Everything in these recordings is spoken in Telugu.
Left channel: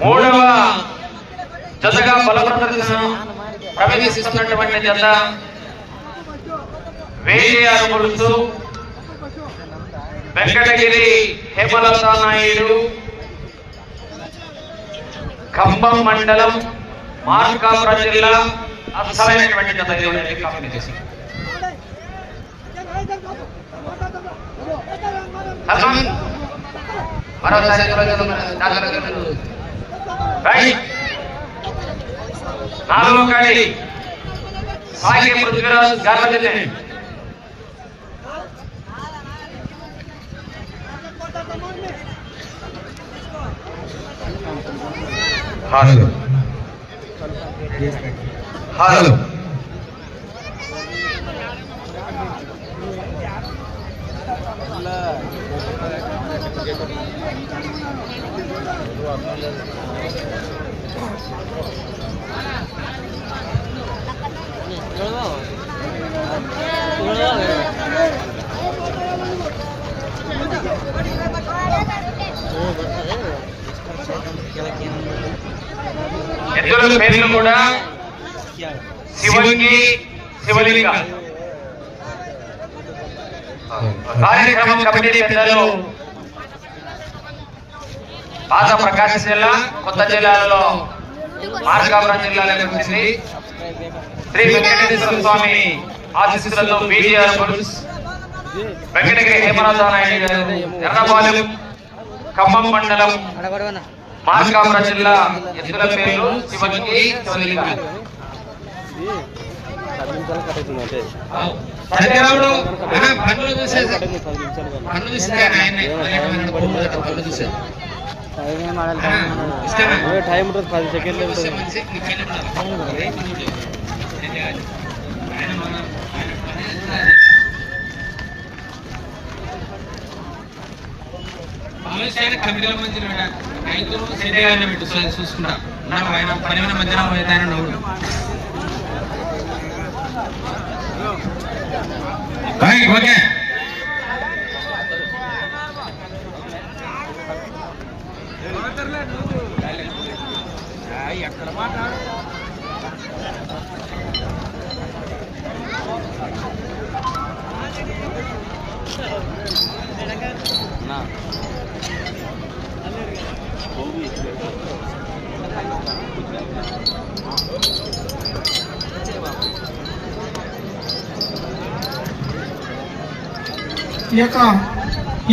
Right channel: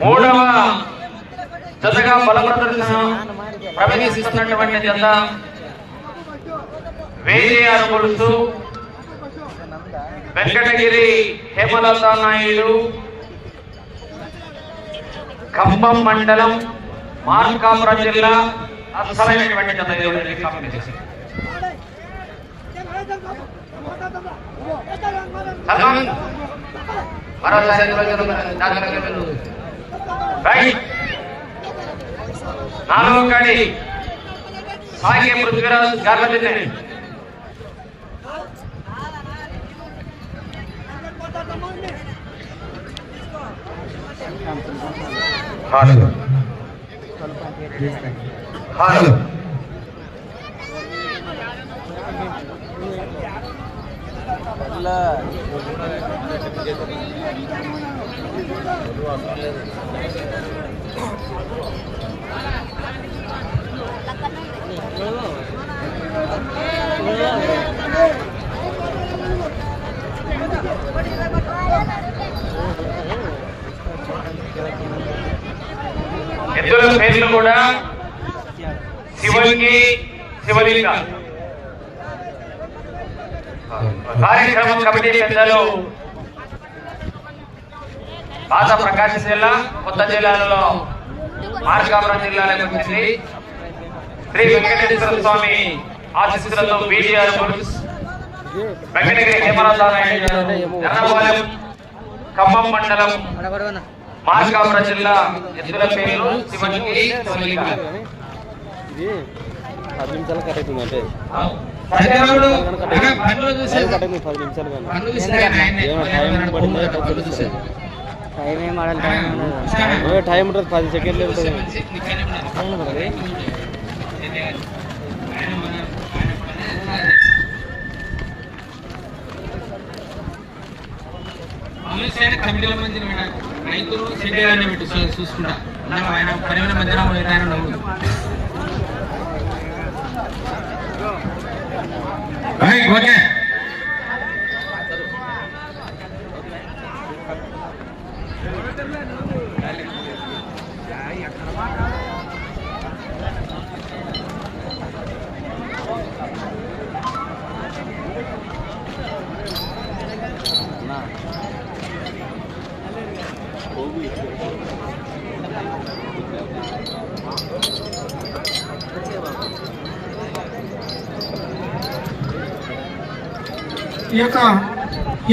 మూడవ జతగా బల ప్రదర్శన ప్రవేశిస్తున్నటువంటి జత వేజేఆరు గొలుసు వెంకటగిరి హేమలత నాయుడు ఖమ్మం మండలం మార్కాపురం జిల్లా అసలైనటువంటి జత ఇది కూడా ఇది కాంపిటీషన్ సల్మాన్ మరోసారి రైట్ నాలుగో కాడి. సాగే పృథ్వీరాజ్ గార్ల దిన్నే హలో హలో ఎద్దుల పేర్లు కూడా శివునికి శివలింగ. కార్యక్రమం కమిటీ పెద్దలు పాత ప్రకాశం జిల్లా కొత్త జిల్లాలలో మార్కాపురం జిల్లాలకు వచ్చింది. శ్రీ వెంకటేశ్వర స్వామి ఆశీస్సులతో బీజీఆర్ పురుష్ వెంకటగిరి హేమనాథ నాయుడు గారు ఎర్రపాలెం ఖమ్మం మండలం మార్కాపురం జిల్లా ఎద్దుల శివునికి శివలింగ. పది నిమిషాలు కట్ అవుతుంది అంటే పది నిమిషాలు టైం ఏం ఆడాలి టైం. టైం ఉంటుంది పది సెకండ్లు ఉంటుంది. కమిటీల రైతులు పెట్టి చూసుకుంటా. పని మధ్యన పోయేదాన్ని నవ్వుడు. Right okay Thank you. ఈ యొక్క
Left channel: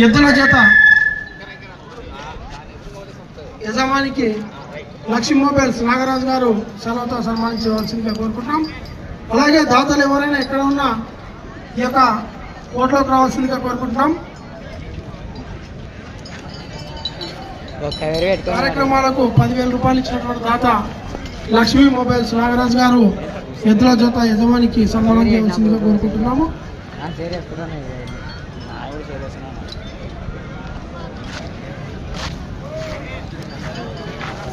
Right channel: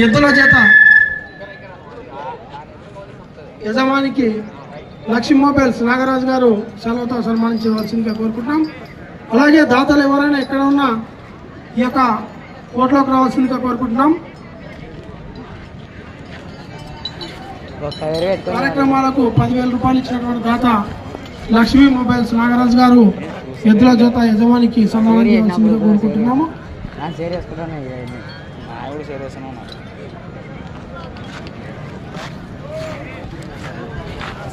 ఎద్దుల చేత యజమానికి లక్ష్మీ మొబైల్స్ నాగరాజు గారు సెలవుతో సన్మానించవలసిందిగా కోరుకుంటున్నాం. అలాగే దాతలు ఎవరైనా ఎక్కడ ఉన్నా ఈ యొక్క కోట్లోకి రావాల్సిందిగా కోరుకుంటున్నాం. కార్యక్రమాలకు పదివేల రూపాయలు ఇచ్చినటువంటి దాత లక్ష్మీ మొబైల్స్ నాగరాజు గారు ఎద్దుల జత యజమానికి సన్మానం చేయవలసిందిగా కోరుకుంటున్నాము. షేర్ చేస్తున్నాను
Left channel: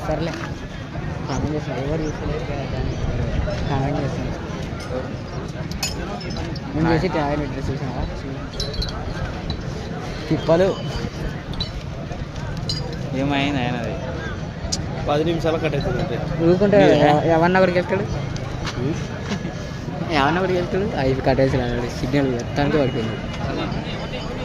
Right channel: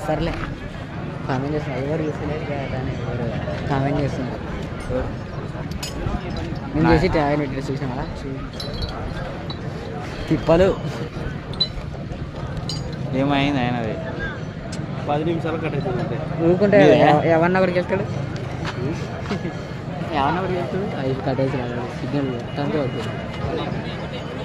సర్లే. కామెంట్ చేస్తా ఎవరు చూస్తలేదు కదా దాన్ని? ఎవరు? కామెంట్ చేస్తున్నారు నేను చేసి ఆయన ఇట్లా చూసినా తిప్పలు. ఏమైంది ఆయనది? పది నిమిషాలు కట్ అవుతుంది ఊరుకుంటే ఎవరిని ఒకరికి వెళ్తాడు? ఎవరిని ఒకరికి వెళ్తాడు? ఐదు కట్టేసి సిగ్నల్ ఎత్తానికి పడుతుంది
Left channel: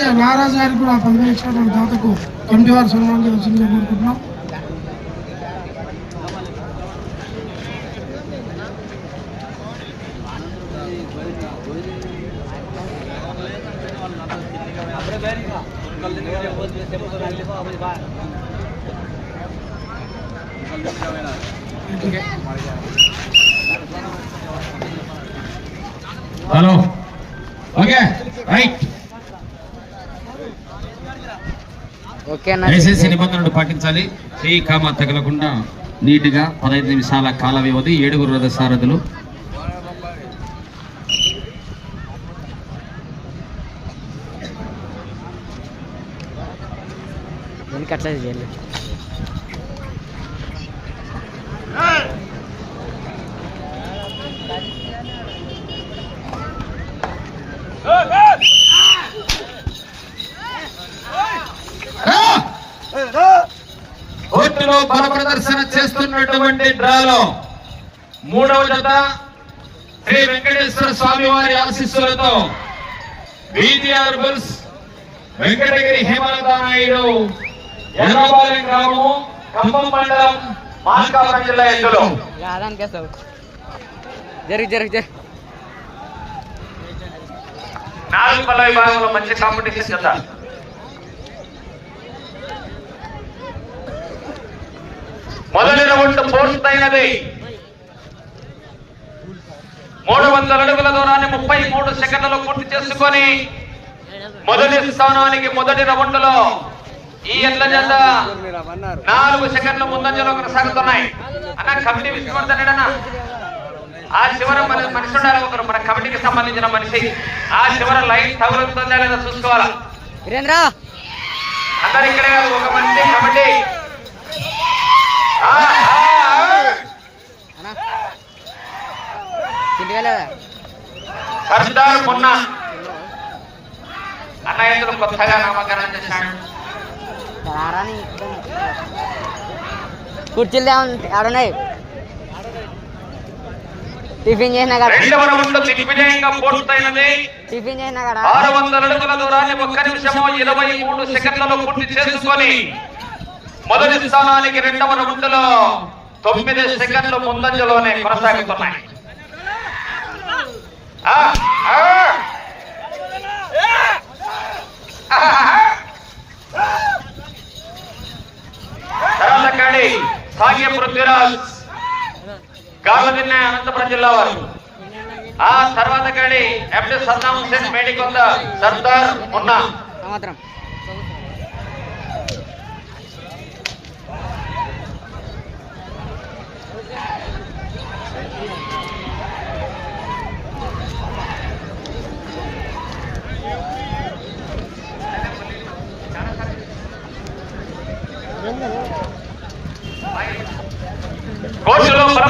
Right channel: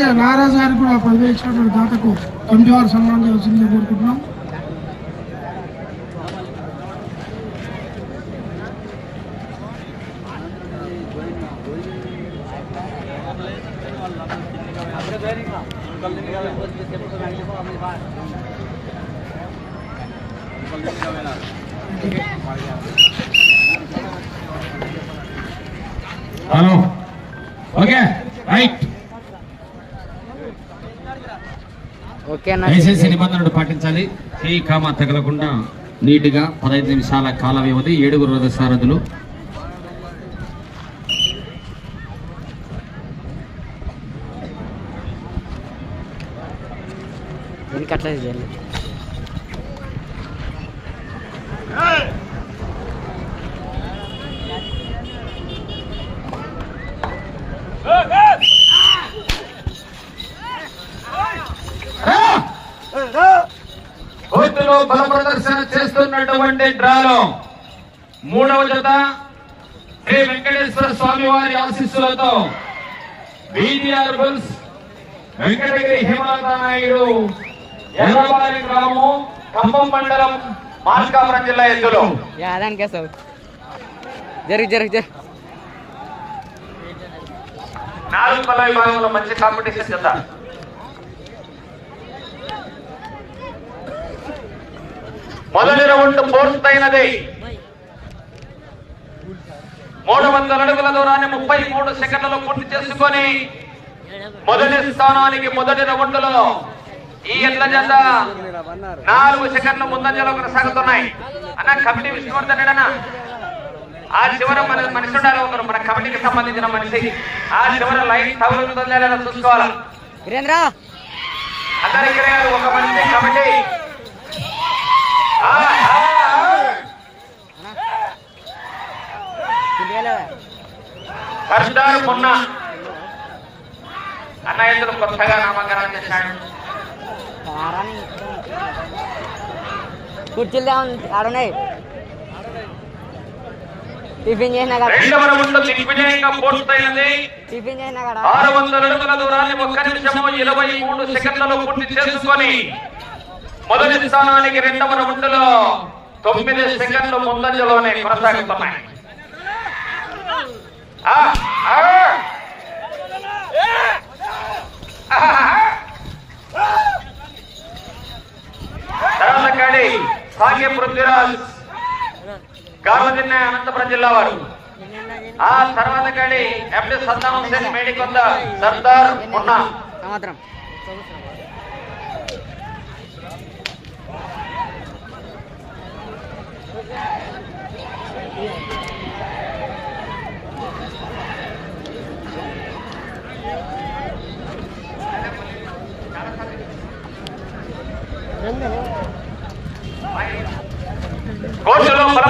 అలాగే నారాజు గారికి కూడా పదివేలు ఇచ్చినటువంటి దాతకు కమిటీ వారు సన్మానం చేయవలసిందిగా కోరుకుంటున్నాం. హలో. ఓకే రైట్ ఓకే అన్న దయచేసి నిబంధనలు పాటించాలి. ఈ కామ తగలకుండా నీట్గా పదహైదు నిమిషాల కాల వ్యవధి ఏడుగురు రథసారథులు వెనక అట్లా చేయాలి. కోర్టులో బల ప్రదర్శన చేస్తున్నటువంటి డ్రాలో మూడవ జత శ్రీ వెంకటేశ్వర స్వామి వారి ఆశీస్సులతో బీటీఆర్ బుల్స్ వెంకటగిరి హేమలత నాయుడు ఎర్రబాలెం గ్రామము ఖమ్మం మండలం మార్కాపురం జిల్లా వేస్తావు జరుగు జరుగు జరుగు నాలుగు పల్ల విభాగంలో మంచి కాంపిటీషన్ జత. మొదటి రౌండ్ పూర్తయినది మూడు వందల అడుగుల దూరాన్ని ముప్పై మూడు సెకండ్లలో పూర్తి చేసుకొని మొదటి స్థానానికి మొదటి రౌండ్లో ఈ ఎడ్ల జత నాలుగు సెకండ్ల ముందంజలో కొనసాగుతున్నాయి. అన్న కమిటీ విష్ణువర్ధన్ అన్న ఆ చివర మన మనిషి ఉండాలి ఒకరు మన కమిటీకి సంబంధించిన మనిషి. ఆ చివర లైన్ తగులుతుందా లేదా చూసుకోవాలా? అందరు ఇక్కడే కాదు ఒక మనిషి కమిటీ. సర్దార్ మొన్న. అన్న ఇందులో కొత్తగా నామకరణం చేశాడు. కుర్చీలు ఆడున్నాయి టిఫిన్ చేసినా టిఫిన్ చేసినా కదా. ఆరు వందల అడుగుల దూరాన్ని ఒక్క నిమిషము ఇరవై మూడు సెకండ్లలో పూర్తి చేసుకొని మొదటి స్థానానికి రెండవ రౌండ్లో తొమ్మిది సెకండ్లు ముందంజలోనే కొనసాగుతున్నాయి ఆ, సాగే పృథ్వీరాజ్ గార్లదిన్న అనంతపురం జిల్లా వారు. ఆ తర్వాత కాడి ఎండి సద్దాం హుసేన్ మేడికొంద సర్దార్ మున్నా.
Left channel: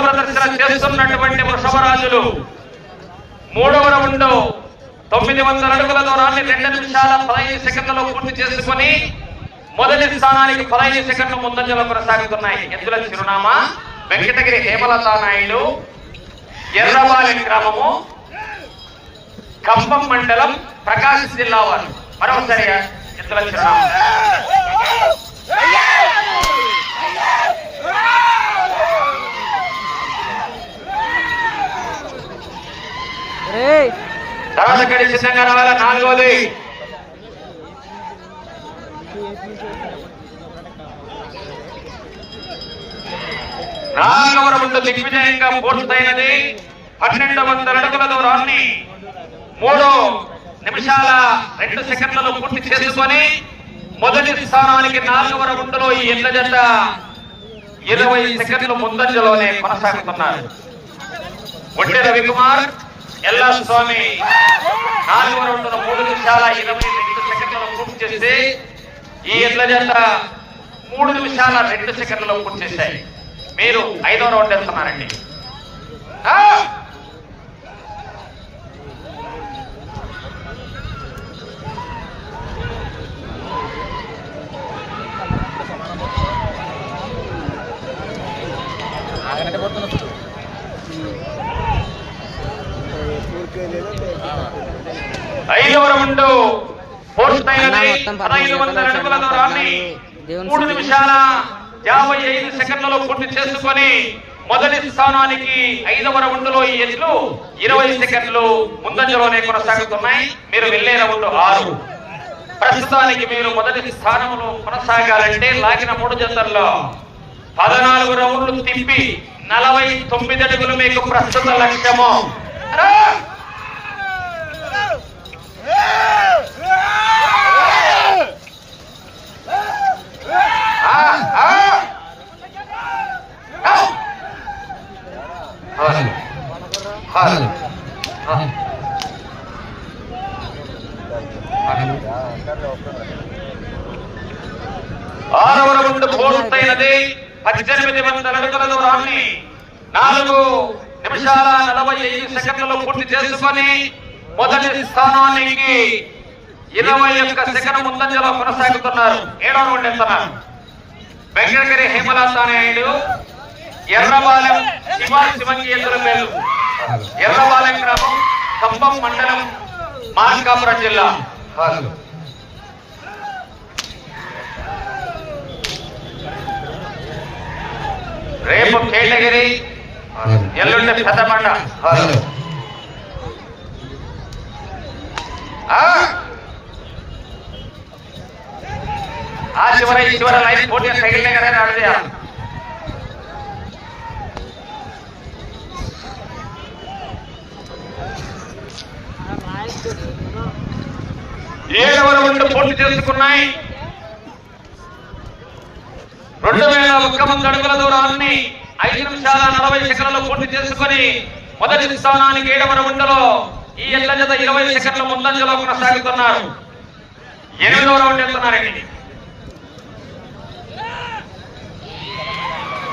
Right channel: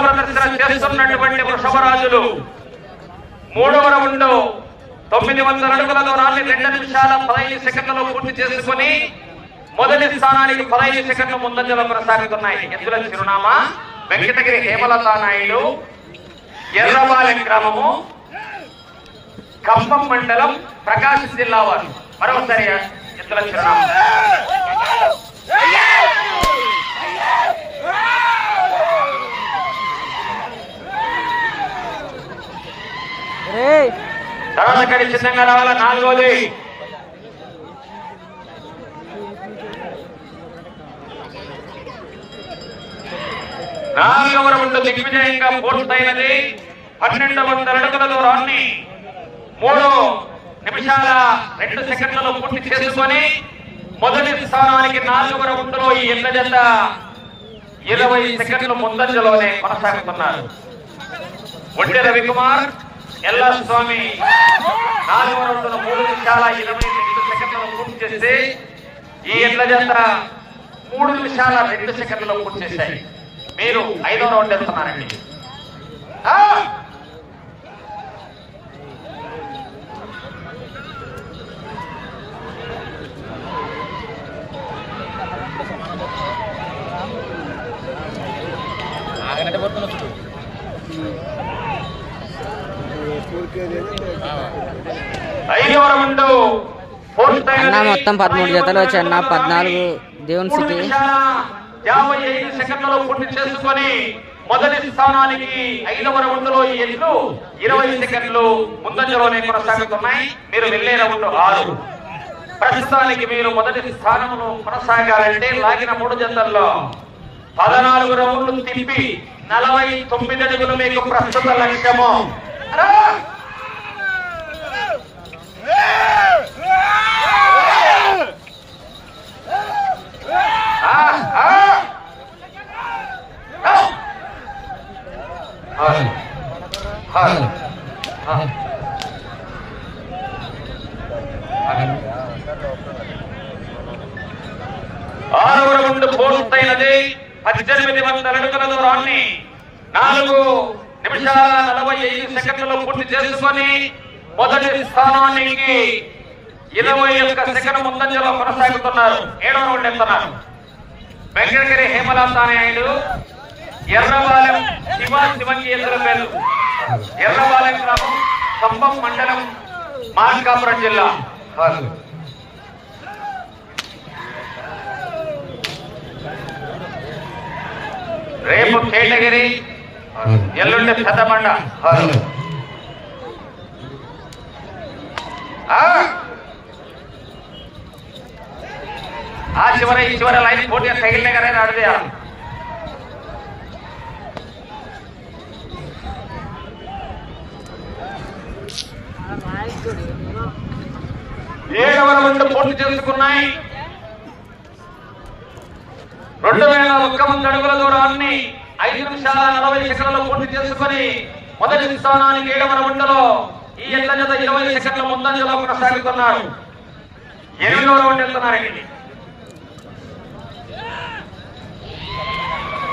ప్రదర్శన చేస్తున్నటువంటి వృషభరాజులు. మూడవ రౌండ్లో తొమ్మిది వందల అడుగుల దూరాన్ని రెండు నిమిషాల పదహైదు సెకండ్లలో పూర్తి చేసుకుని మొదటి స్థానానికి పదహైదు సెకండ్లు ముందంజలో కొనసాగుతున్నాయి. ఎద్దుల చిరునామా వెంకటగిరి హేమలతా నాయుడు ఎర్రబాలెం గ్రామము ఖమ్మం మండలం ప్రకాశం జిల్లా వారు. మరొకసారి ఎద్దుల చిరునామా. తవనకడి సిద్ధంగా రావాల? నాలుగోది. నాలుగవ రౌండ్ దిగ్విజయంగా పూర్తయినది పన్నెండు వందల అడుగుల దూరాన్ని మూడు నిమిషాల రెండు సెకండ్లలో పూర్తి చేసుకొని మొదటి స్థానానికి నాలుగవ రౌండ్లో ఈ ఎండ జెండ ఇరవై సెకండ్ల ముందంజలోనే కొనసాగుతున్నారు. ఒంటి రవికుమార్ ఎల్లా స్వామి నాలుగు రౌండ్ల మూడు నిమిషాల ఇరవై రెండు సెకండ్లలో పూర్తి చేస్తే ఈ ఎడ్ల జత మూడు నిమిషాల రెండు సెకండ్లలో పూర్తి చేశాయి మీరు ఐదో రౌండ్ వెళ్తున్నారండి ఐదవ రౌండ్ పోస్ట్ అన్న మొత్తం పదమూడు జతలు వచ్చాయి అన్న పద్నాలుగు దేవుని మూడు. నిమిషాల యాభై ఐదు సెకండ్లలో పూర్తి చేసుకొని మొదటి స్థానానికి ఐదవ రౌండ్లో ఈ ఎడ్లు ఇరవై సెకండ్లు ముందంజలోనే కొనసాగుతున్నాయి. మీరు వెళ్ళే రౌండ్ ఆరు. ప్రస్తుతానికి మీరు మొదటి స్థానంలో కొనసాగాలంటే లాగిన మూడు జతల్లో పద్నాలుగు రౌండ్లు తిప్పి నలభై తొమ్మిది అడుగులు మీకు ప్రస్తుత లక్ష్యము రా! ఆ, ఆ! హాల్ హాల్ హాల్. ఆరవ రౌండ్ పూర్తయినది పద్దెనిమిది వందల అడుగుల దూరాన్ని నాలుగు నిమిషాల నలభై ఐదు సెకండ్లలో పూర్తి చేసుకొని మొదటి స్థానానికి ఇరవై ఒక్క సెకండ్ ముందంజలో కొనసాగుతున్నారు. ఏడవ రౌండ్ ఎత్తున్నారు వెంకటగిరి హేమలత నాయుడు ఎర్రవాలెం శివ శివంగి పేరు ఎర్రవాలెం గ్రామం ఖమ్మం మండలం మార్కాపురం జిల్లా. రేపు కేటగిరి ఎల్లుండి పెద్దబండ. హలో ఆ. చివర ఈ చివర లైన్ పోటీ తగిలిన కదా నడిచేయాలి ఏడవ రౌండ్ పోటీ చేసుకున్నాయి. రెండు వేల ఒక్క మంది అడుగుల దూరాన్ని ఐదు నిమిషాల నలభై సెకండ్లు పోటీ చేసుకొని మొదటి స్థానానికి ఏడవ రౌండ్లో ఈ ఎడ్ల జత ఇరవై సెకండ్ల ముందంజలో కొనసాగుతున్నారు. ఎనిమిదవ రౌండ్ వెళ్తున్నారండి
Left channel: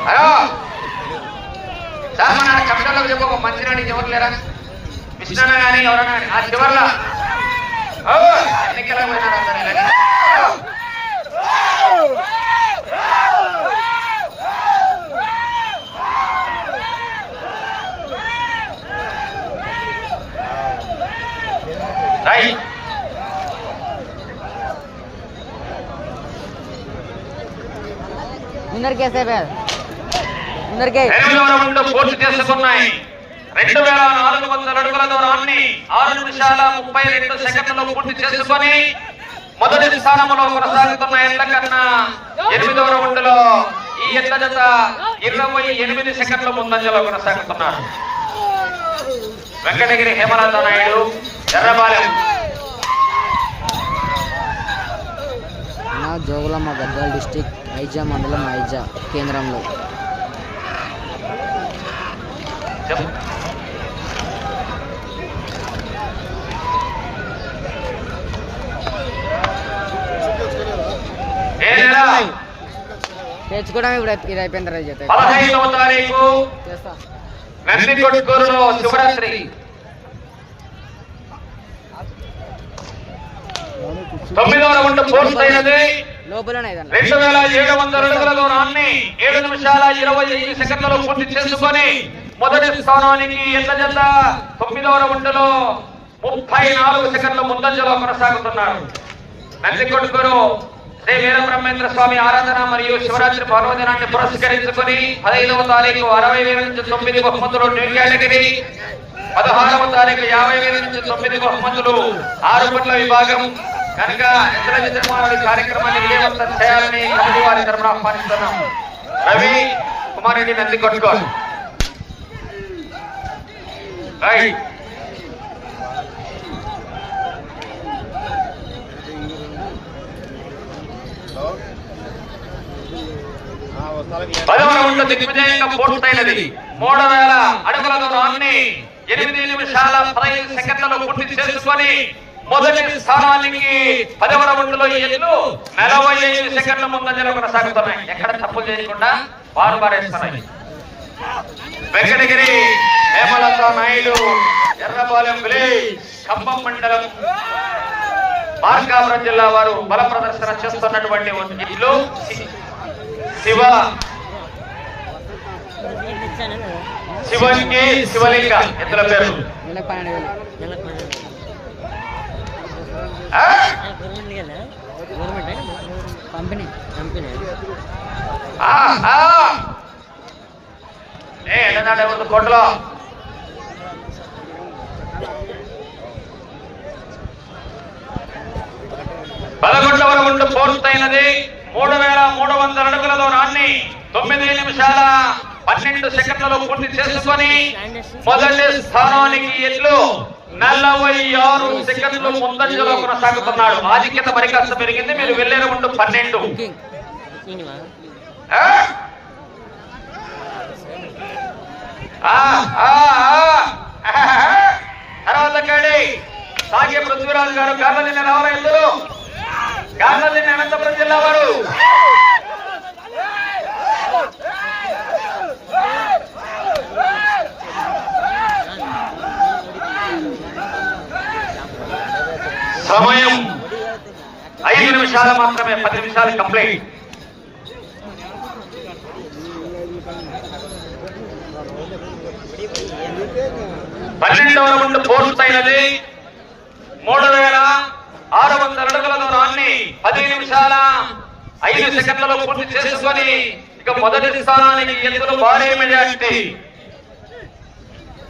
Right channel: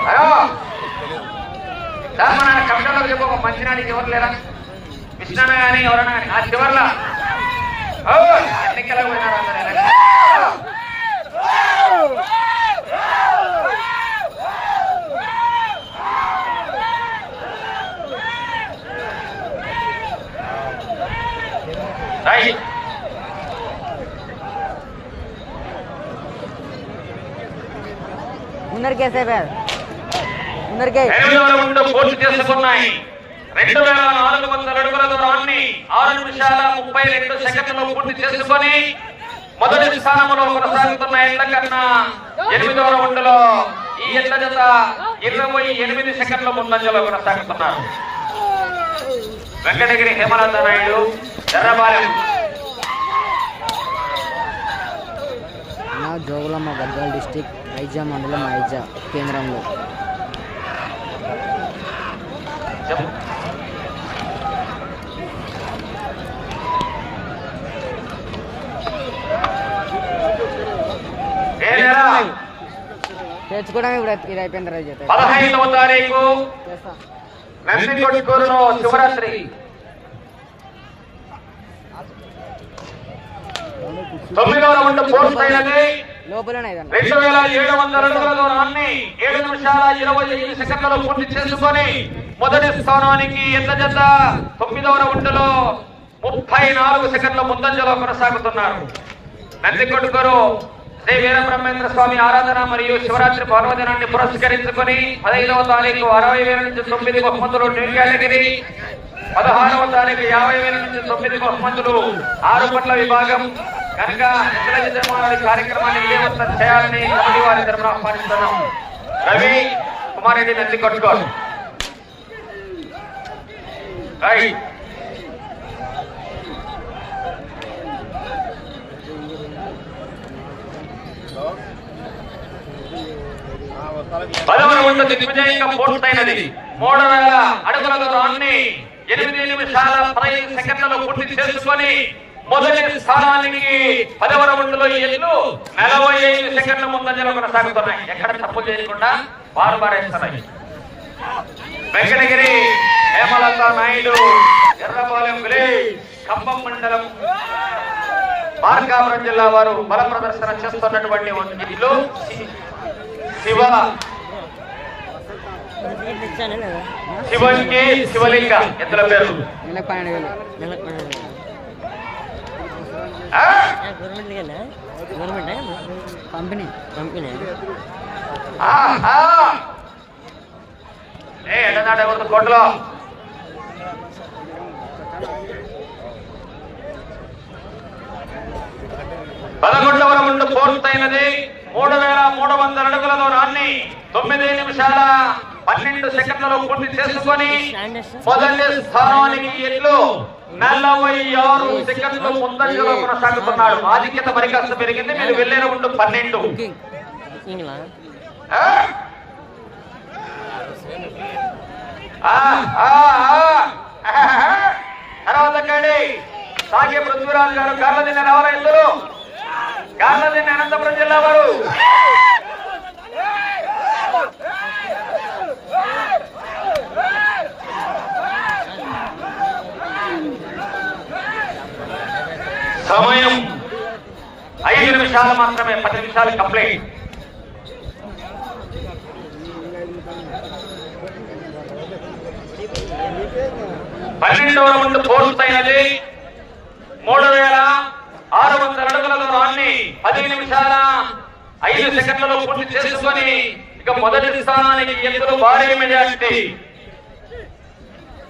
హలో. సార్ మన కమిటీలోకి చెప్పు ఒక మంచినాడికి ఎవరు లేరా? కృష్ణ కానీ ఎవరన్నా కానీ ఆ చివర్లా. ఓ, ఎన్నికలకు పోయినాడు అందరూ. రౌండ్ పూర్తి చేసుకున్నాయి రెండు వేల నాలుగు వందల అడుగుల దూరాన్ని ఆరు నిమిషాల ముప్పై రెండు సెకండ్లు పూర్తి చేసుకొని మొదటి స్థానంలో కొనసాగుతున్న ఎండ కన్నా ఎనిమిదవ రౌండ్లో ఈ ఎండ జత ఇరవై ఎనిమిది సెకండ్ల ముందంజలో కొనసాగుతున్నారు. వెంకటగిరి హేమలత నాయుడు ఎర్రబాలెం. జోగులమ్మ గద్వాల డిస్టిక్. ఐజా మండలం ఐజా కేంద్రంలో. తెచ్చుకోవడం ఇప్పుడు ఇది తర్వాత చేస్తా. పదహైదవ తారీఖు. నందికొట్కూరులో శివరాత్రి. తొమ్మిదవ రౌండ్ పూర్తయినది. రెండు వేల ఏడు వందల అడుగుల దూరాన్ని ఏడు నిమిషాల ఇరవై ఐదు సెకండ్లలో పూర్తి చేసుకొని మొదటి స్థానానికి ఎట్ల జత తొమ్మిదవ రౌండ్లో ముప్పై నాలుగు సెకండ్ల ముందంజలో కొనసాగుతున్నారు. నందికొట్కూరు శ్రీ వీరబ్రహ్మేంద్ర స్వామి ఆరాధన మరియు శివరాత్రి పర్వదినాన్ని పురస్కరించుకొని పదహైదవ తారీఖు అరవై వేల నుంచి తొమ్మిది బహుమతులు న్యూ కేటగిరీ పదహారవ తారీఖు యాభై వేల నుంచి తొమ్మిది బహుమతులు ఆరు పట్ల విభాగం కనుక ఎద్దుల విజయవాడ కార్యక్రమాన్ని విజయవంతం చేయాలని కమిటీ వారి తరఫున ఆహ్వానిస్తున్నాం. రవి కుమారెడ్డి నంది కొట్టుకో. రైట్. పూర్తయినది. మూడు వేల ఎనిమిది నిమిషాల పదహైదు పూర్తి చేసుకొని మొదటి స్థానానికి పదవ రౌండ్లో ఎన్ను నలభై ఐదు సెకండ్ల ముందంజలో కొనసాగుతున్నాయి ఎక్కడ తప్పు చేయకుండా వారు పారేస్తున్నాయి వెంకటగిరి హేమలత నాయుడు ఎర్రపాలెం ఖమ్మం మండలం. మార్కాపురం జిల్లా వారు బల ప్రదర్శన చేస్తున్నటువంటి ఇట్లు శివ. శివంగి శివలింగ ఎద్దుల పేరు నెలకు పన్నెండు వేలు ఆ? కంపెనీ కంపెనీ ఆ, ఆ. ఏ ఎండనాడు ఎవరిది? పదకొండవ రౌండ్ పూర్తయినది. మూడు వేల మూడు వందల అడుగుల దూరాన్ని. తొమ్మిది నిమిషాల పన్నెండు సెకండ్లలో పూర్తి చేసుకొని మొదటి స్థానానికి ఎట్లు నలభై ఆరు సెకండ్లు ముందంజలో కొనసాగుతున్నాడు. ఆధిక్యత మరి కాస్త పెరిగింది. మీరు వెళ్ళే రౌండ్ పన్నెండు. తర్వాత కడి సాగే పృథ్వీరాజు గారు గార్లదిన్న రావాల ఇద్దరు గార్లదిన్న అనంతపురం జిల్లా వారు. సమయం ఐదు నిమిషాలు మాత్రమే పది నిమిషాలు కంప్లీట్. పన్నెండవ రౌండ్ పూర్తయినది. మూడు వేల ఆరు వందల అడుగుల దూరాన్ని పది నిమిషాల ఐదు సెకండ్లలో పూర్తి చేసుకొని ఇక మొదటి స్థానానికి ఎందుకు భారీ మెజారిటీ.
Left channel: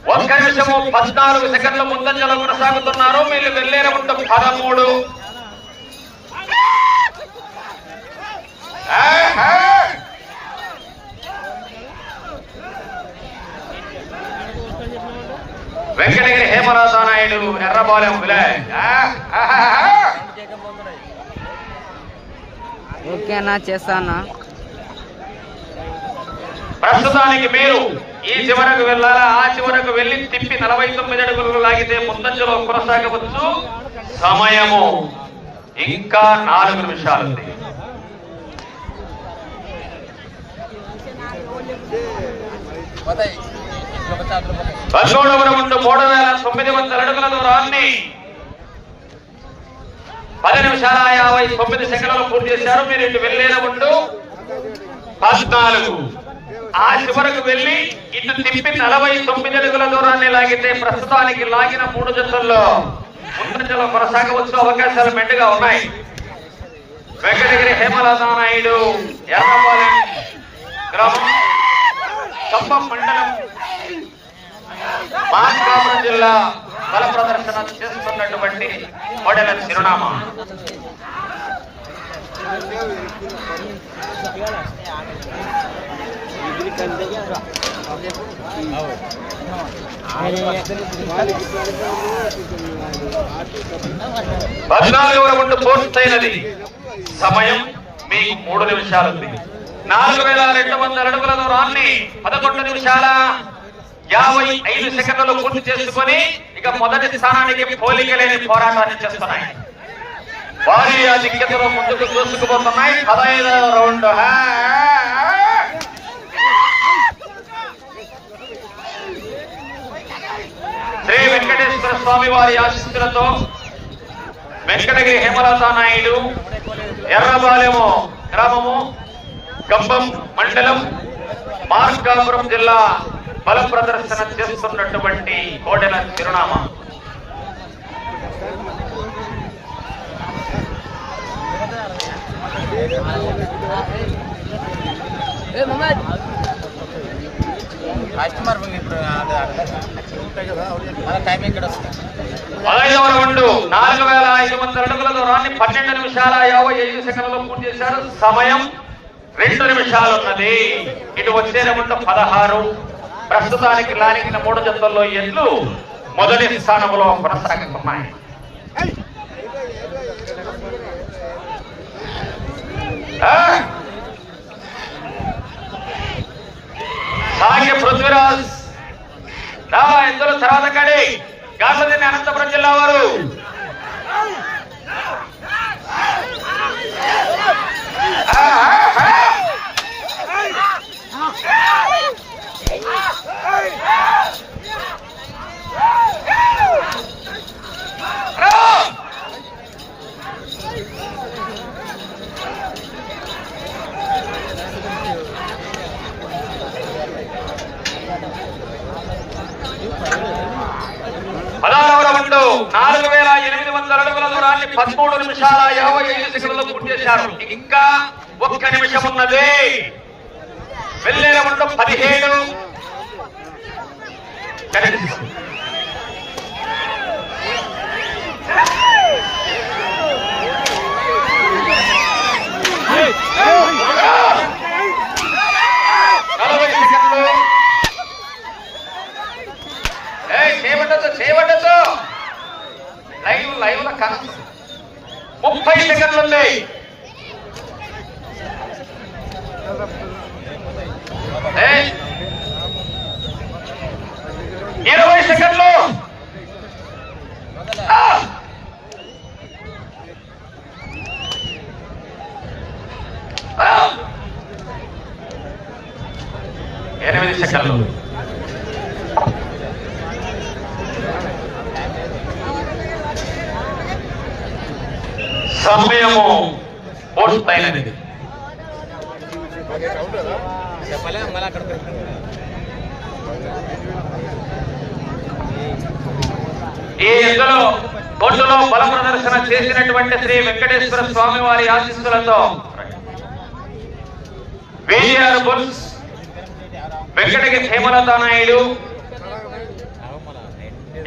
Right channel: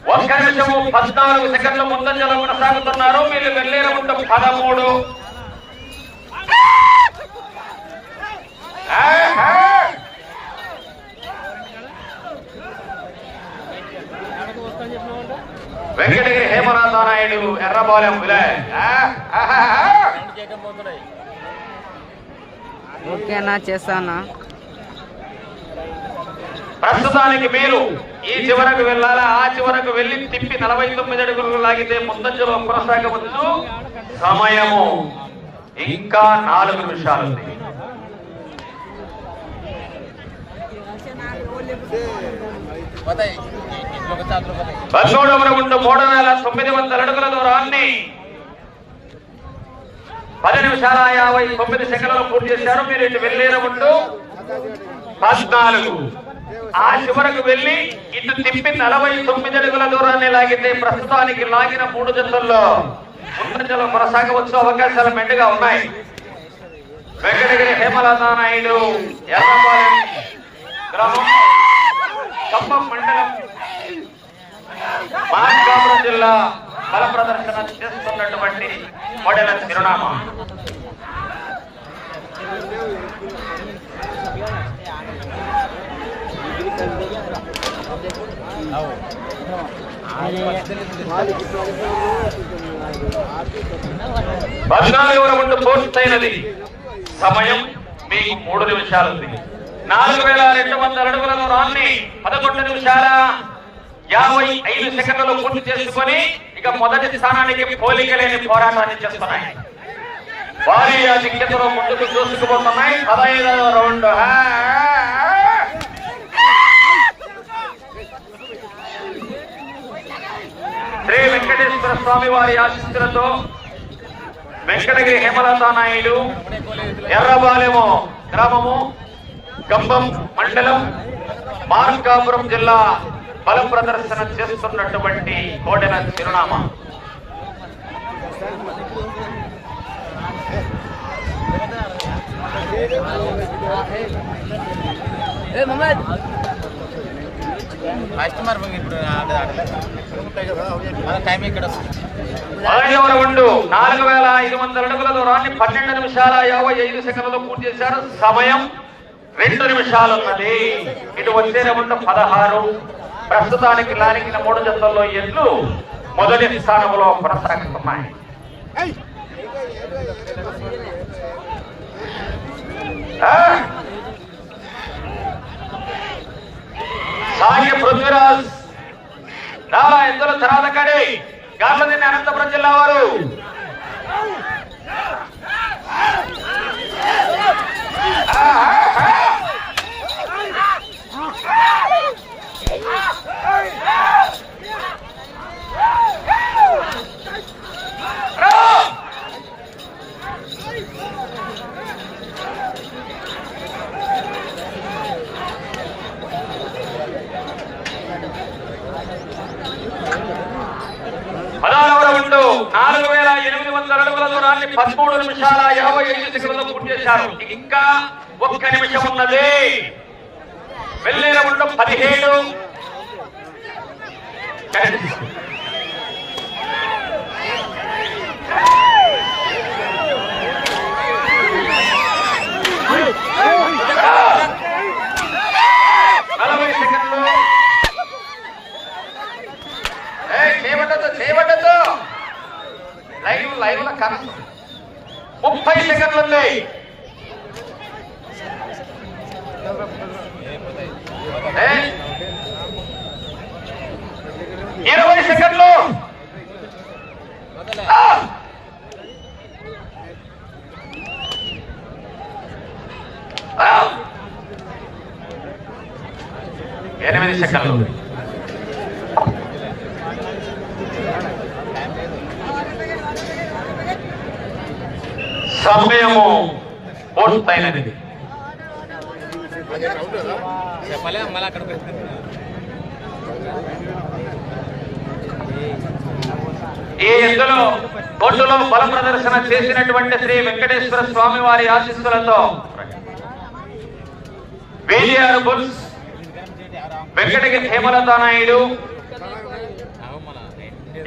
ఒక్క నిమిషము పద్నాలుగు సెకండ్ల ముందంజలో కొనసాగుతున్నారు మీరు వెళ్ళే రౌండ్ పదమూడు. వెంకటగిరి హేమనాథ నాయుడు ఎర్రబాలెం విలయ్ ఓకేనా చేస్తానా? ప్రస్తుతానికి మీరు ఈ చివరకు వెళ్ళాలా? ఆ చివరకు వెళ్ళి తిప్పి నలభై తొమ్మిది అడుగులు లాగితే ముందంజలో కొనసాగవచ్చు. సమయము ఇంకా నాలుగు నిమిషాలు ఉంది పదమూడవ రౌండ్ మూడు వేల తొమ్మిది వందల అడుగుల దూరాన్ని పది నిమిషాల యాభై తొమ్మిది సెకండ్లు పూర్తి చేశారు. మీరు ఇటు వెళ్ళేన రౌండ్ పద్నాలుగు. ఆ చివరకు వెళ్ళి ఇటు తిప్పి నలభై తొమ్మిది అడుగుల దూరాన్ని లాగితే ప్రస్తుతానికి లాగిన మూడు జతల్లో ముందంజలో కొనసాగవచ్చు. అవకాశాలు మెండుగా ఉన్నాయి. వెంకటగిరి హేమలతా నాయుడు ఎర్రపాలెం గ్రామం ఖమ్మం మండలం జిల్లా బల ప్రదర్శన చేస్తున్నటువంటి చిరునామా. పద్నాలుగవ రౌండ్ పూర్తయినది సమయం మీకు మూడు నిమిషాలు ఉంది నాలుగు వేల రెండు వందల అడుగులలో రాన్ని పదకొండు నిమిషాల యాభై ఐదు సెకండ్లు పూర్తి చేసుకొని ఇక మొదటి స్థానానికి పోలిక లేని పోరాటాన్ని చేస్తున్నాయి. భారీ దిగ్గతలో ముందుకు చూసుకుపోతున్నాయి పదహైదవ రౌండ్ శ్రీ వెంకటేశ్వర స్వామి వారి ఆశిస్తులతో వెంకటగిరి హేమలతా నాయుడు ఎర్రబాలెము గ్రామము గంభం మండలం మార్కాపురం జిల్లా బల ప్రదర్శన చేస్తున్నటువంటి కోడెల చిరునామా. పదహైదవ రౌండ్ నాలుగు వేల ఐదు వందల అడుగుల దూరాన్ని పన్నెండు నిమిషాల యాభై ఐదు సెకండ్లలో పూర్తి చేశారు. సమయం రెండు నిమిషాలు ఉన్నది ఇటు వచ్చే రౌండ్ పదహారు. ప్రస్తుతానికి లానికిన మూడు జతల్లో ఎడ్లు మొదటి స్థానంలో కొనసాగుతున్నాయి. Ah! సాగే పృథ్వీరాజ్. రా ఇందులో తర్వాత కడి గార్లదిన్ని అనంతపురం జిల్లా వారు పదహారవ రౌండ్ నాలుగు వేల ఎనిమిది వందల అడుగుల దూరాన్ని పదమూడు నిమిషాల ఇరవై ఐదు సెకండ్లు పూర్తి చేశారు. ఇంకా ఒక్క నిమిషం ఉన్నది. వెళ్ళే ఉండడం పదిహేడు చేయబడ్డతో చేయబడ్డతో లైవ్ లైవ్లో కనసు ముప్పై సెకండ్లున్నాయి ఇరవై సెకండ్లు. ఎనిమిది సెకండ్లు. సమయము పూర్తయినది. ఈ ఇందులో బొట్టులో బల ప్రదర్శన చేసినటువంటి శ్రీ వెంకటేశ్వర స్వామి వారి ఆశీస్సులతో విజిఆర్ బుల్స్ వెంకటకి హేమలత నాయుడు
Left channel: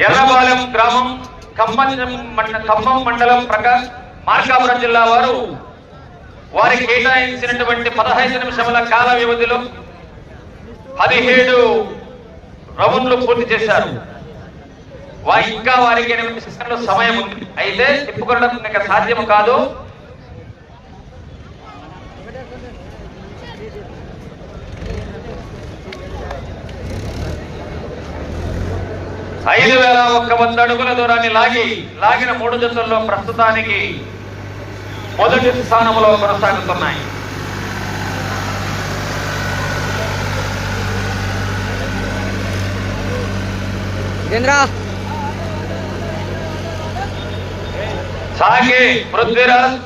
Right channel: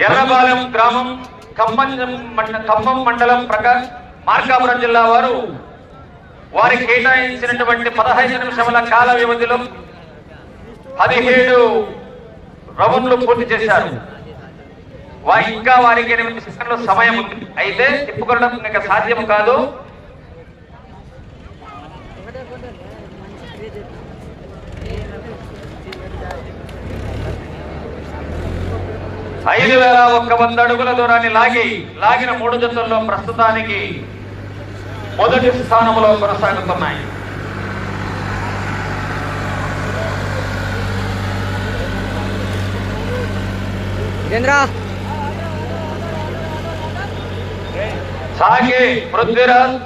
ఎర్రబాలెం గ్రామం ఖమ్మం మండ- ఖమ్మం మండలం ప్రకాశ్ మార్కాపురం జిల్లా వారు వారికి కేటాయించినటువంటి పదహైదు నిమిషముల కాల వ్యవధిలో పదిహేడు రౌండ్లు పూర్తి చేశారు. వా- ఇంకా వారికి ఎనిమిది సెకండ్ల సమయం ఉంది. అయితే తిప్పుకోవడం ఇంకా సాధ్యం కాదు. ఐదు వేల ఒక్క వంద అడుగుల దూరాన్ని లాగి లాగిన మూడు జతల్లో ప్రస్తుతానికి మొదటి స్థానంలో కొనసాగుతున్నాయి. సాగి పృథ్వీరాజ్.